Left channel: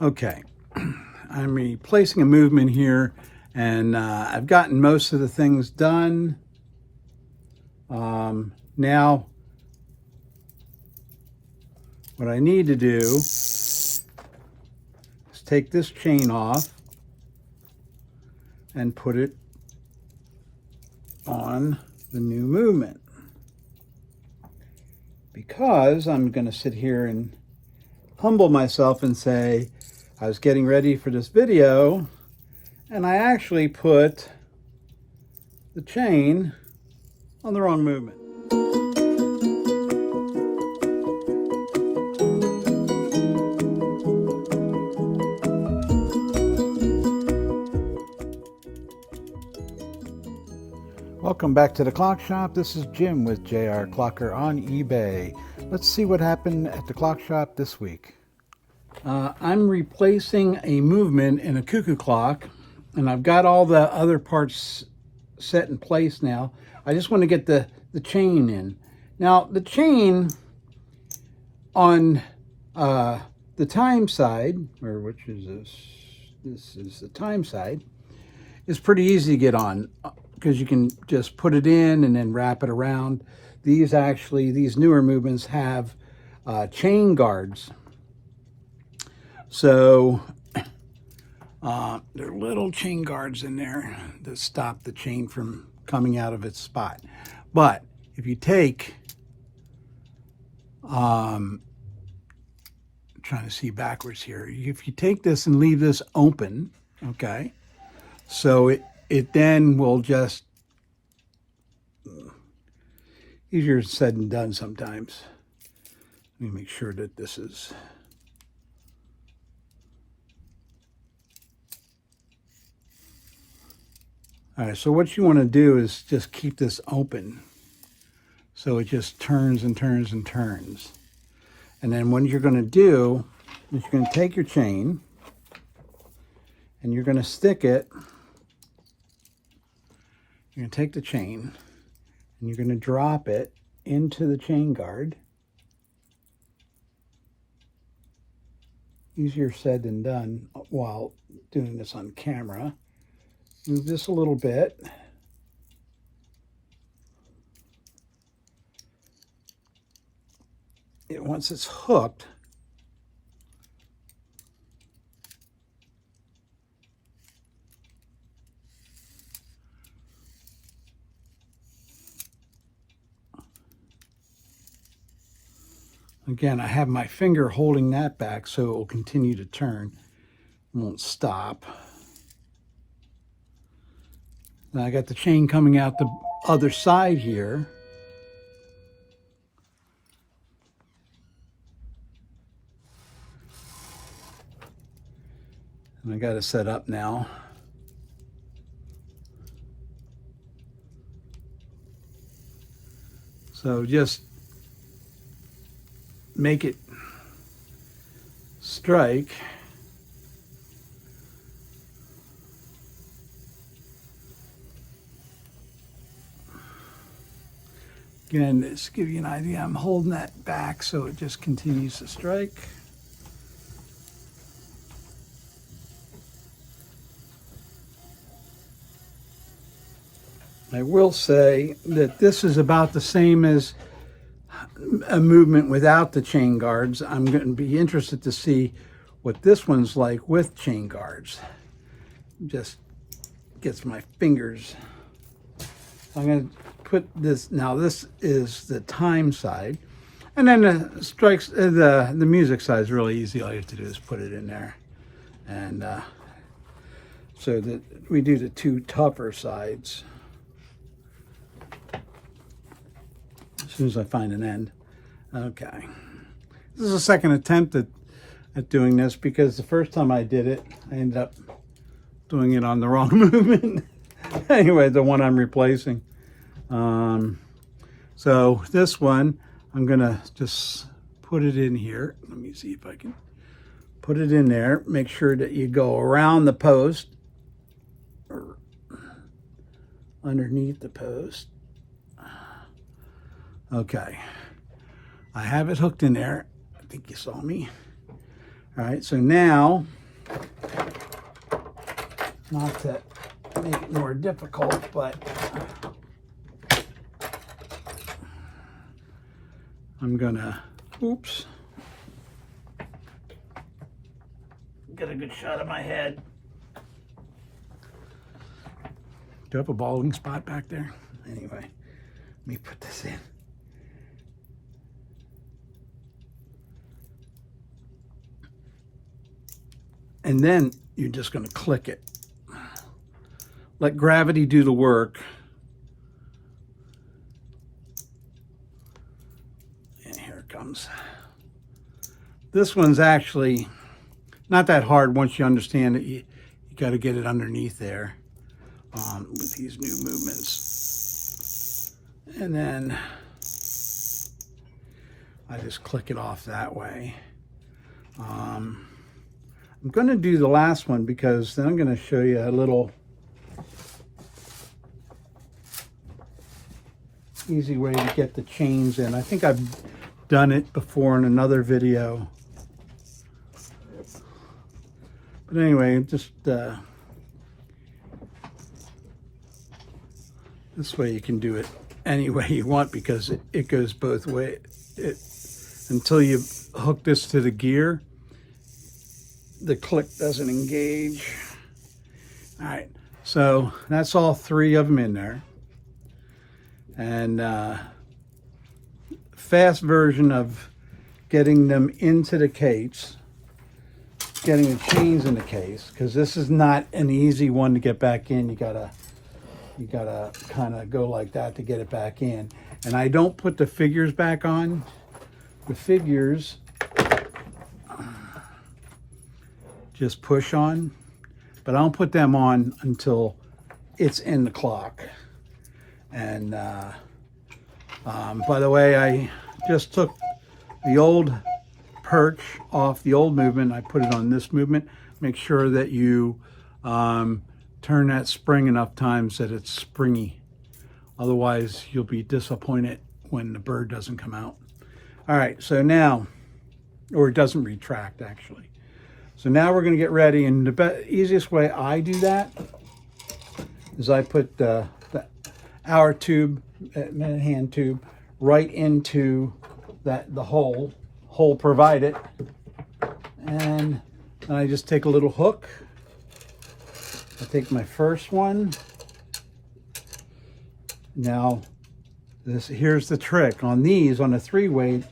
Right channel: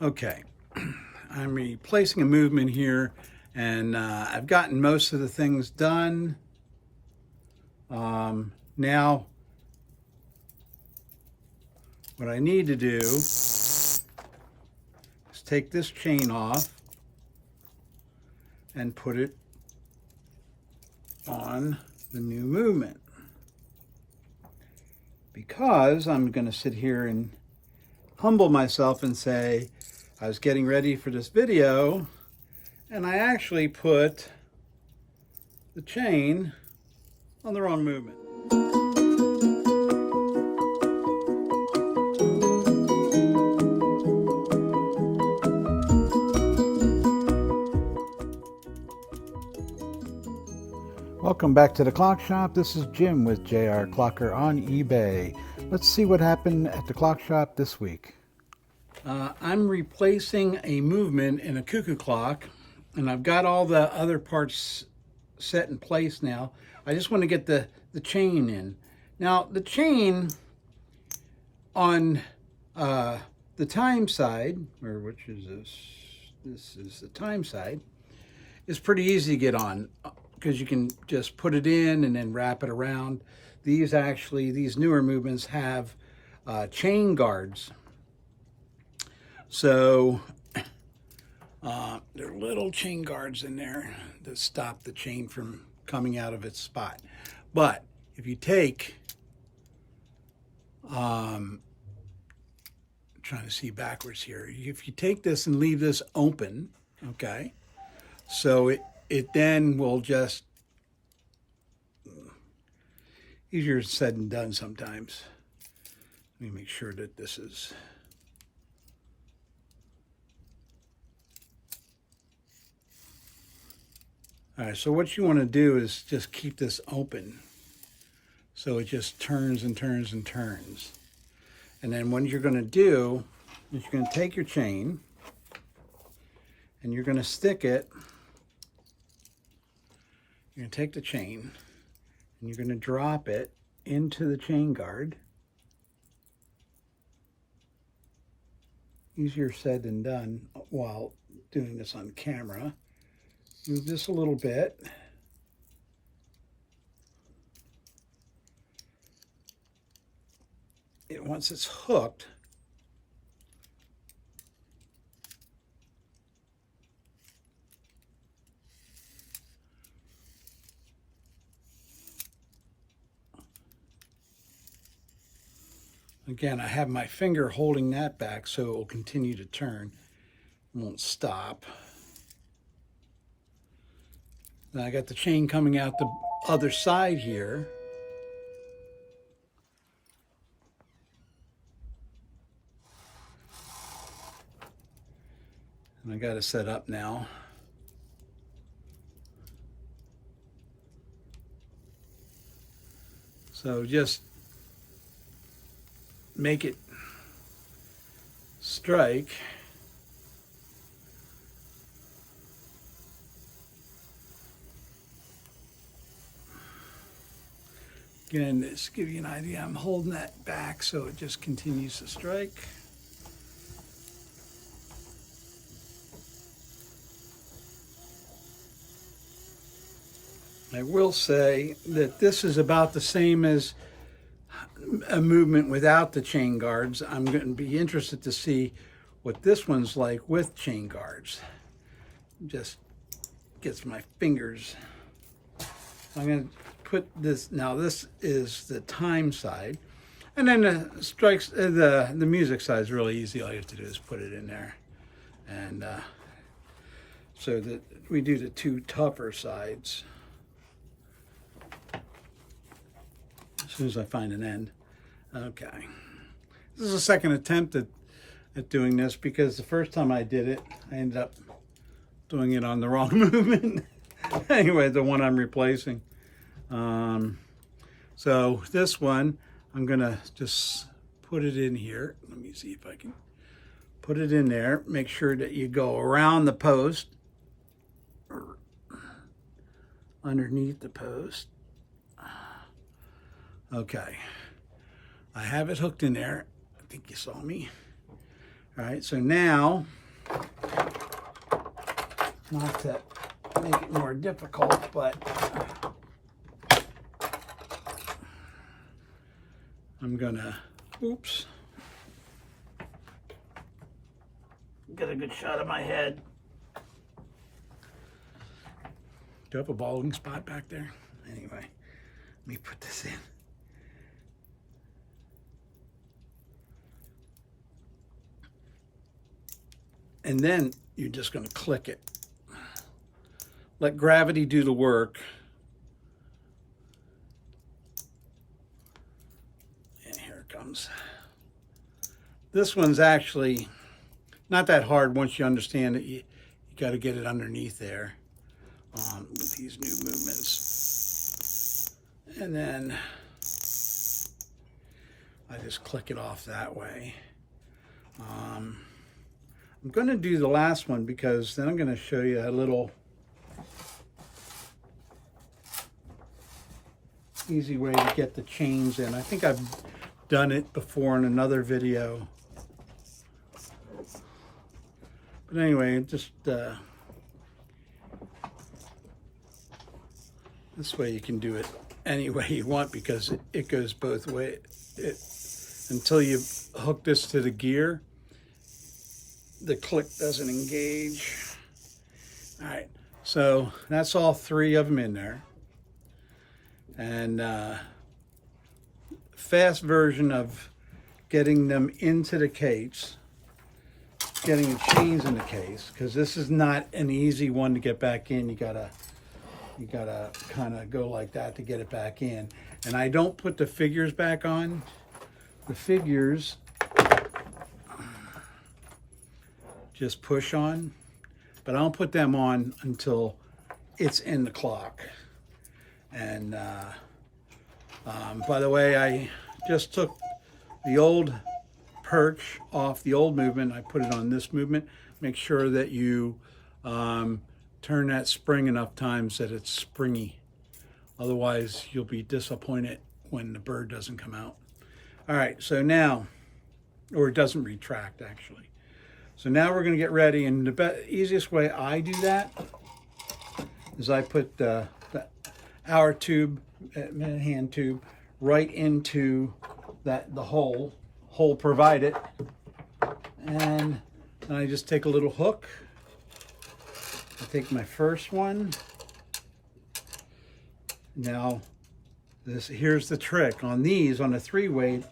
Okay, I'm replacing a movement here, and I've gotten most of the things done. Now, what I need to do is take this chain off and put it on the new movement, because I'm going to sit here and humble myself and say I was getting ready for this video and I actually put the chain on the wrong movement. Welcome back to the Clock Shop. This is Jim with JR Clocker on eBay. Let's see what happened at the Clock Shop this week. I'm replacing a movement in a cuckoo clock, and I've got all the other parts set in place now. I just want to get the chain in. Now, the chain on the time side, or which is this? This is the time side, is pretty easy to get on, because you can just put it in and then wrap it around. These newer movements have chain guards. So there are little chain guards in there to stop the chain from coming out of its spot. But if you take, trying to see backwards here, if you take this and leave this open, okay, so it then will just, easier said than done sometimes. Let me make sure that this is, all right, so what you want to do is just keep this open so it just turns and turns and turns. And then what you're going to do is you're going to take your chain and you're going to stick it. You're going to take the chain and you're going to drop it into the chain guard. Easier said than done while doing this on camera. Move this a little bit. Once it's hooked, again, I have my finger holding that back so it will continue to turn. It won't stop. Now I got the chain coming out the other side here. And I got it set up now. So just make it strike. Again, just to give you an idea, I'm holding that back so it just continues to strike. I will say that this is about the same as a movement without the chain guards. I'm going to be interested to see what this one's like with chain guards. Just gets my fingers. I'm going to put this, now this is the time side, and then the strikes, the music side is really easy. All you have to do is put it in there. And so that we do the two tougher sides. As soon as I find an end. Okay. This is the second attempt at doing this, because the first time I did it, I ended up doing it on the wrong movement. Anyway, the one I'm replacing. So this one, I'm gonna just put it in here. Let me see if I can put it in there. Make sure that you go around the post or underneath the post. Okay, I have it hooked in there. I think you saw me. All right, so now, not to make it more difficult, but I'm gonna, oops, get a good shot of my head. Do you have a balding spot back there? Anyway, let me put this in. And then you're just going to click it. Let gravity do the work. And here it comes. This one's actually not that hard once you understand it. You got to get it underneath there with these new movements. And then I just click it off that way. I'm going to do the last one because then I'm going to show you a little easy way to get the chains in. I think I've done it before in another video. But anyway, just this way you can do it any way you want because it goes both ways. Until you hook this to the gear, the click doesn't engage. All right, so that's all three of them in there. And fast version of getting them into the case, getting the chains in the case, because this is not an easy one to get back in. You gotta kind of go like that to get it back in. And I don't put the figures back on. The figures just push on, but I don't put them on until it's in the clock. And by the way, I just took the old perch off the old movement. I put it on this movement. Make sure that you turn that spring enough times that it's springy. Otherwise, you'll be disappointed when the bird doesn't come out. All right, so now, or it doesn't retract actually. So now we're going to get ready, and the easiest way I do that is I put the hour tube, hand tube, right into the hole provided, and then I just take a little hook. I take my first one. Now, here's the trick. On these, on the 3-weight,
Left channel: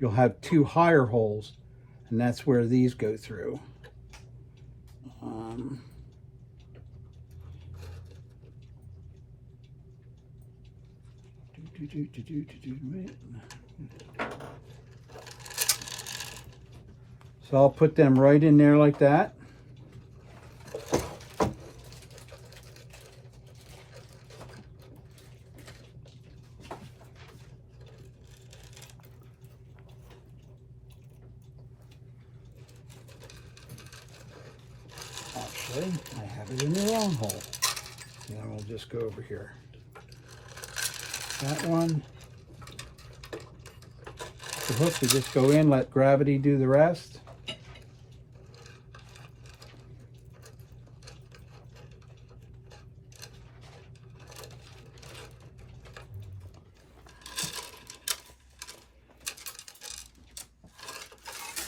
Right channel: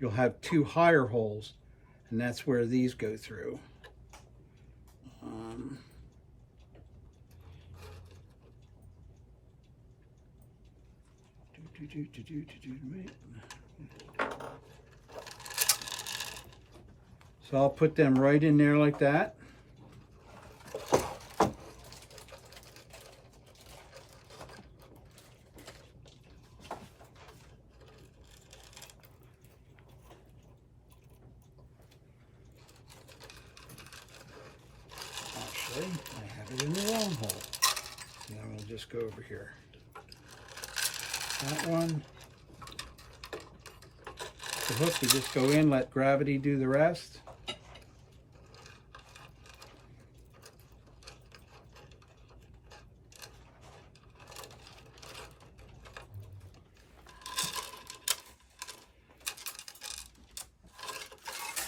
you'll have 2 higher holes, and that's where these go through. So I'll put them right in there like that. Actually, I have it in the wrong hole. And then we'll just go over here. That one. The hook, you just go in, let gravity do the rest.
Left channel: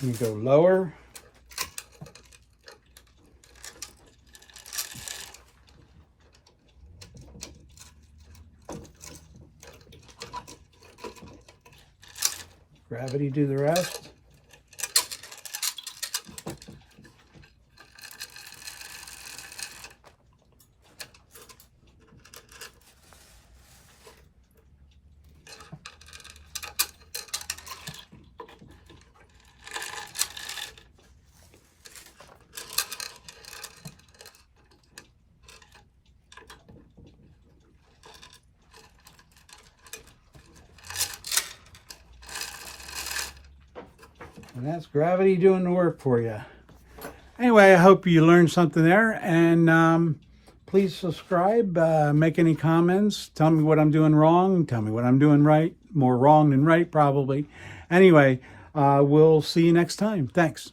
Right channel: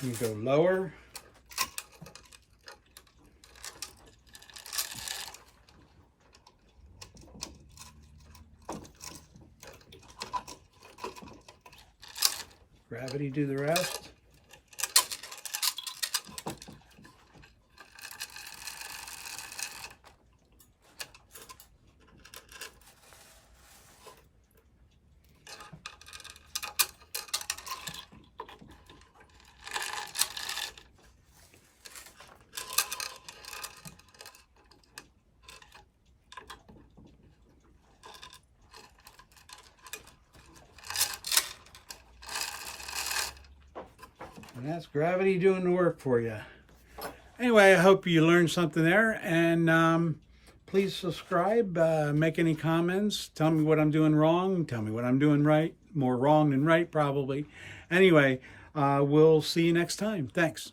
You go lower. Gravity do the rest. And that's gravity doing the work for you. Anyway, I hope you learned something there. And please subscribe, make any comments, tell me what I'm doing wrong, tell me what I'm doing right, more wrong than right probably. Anyway, we'll see you next time. Thanks.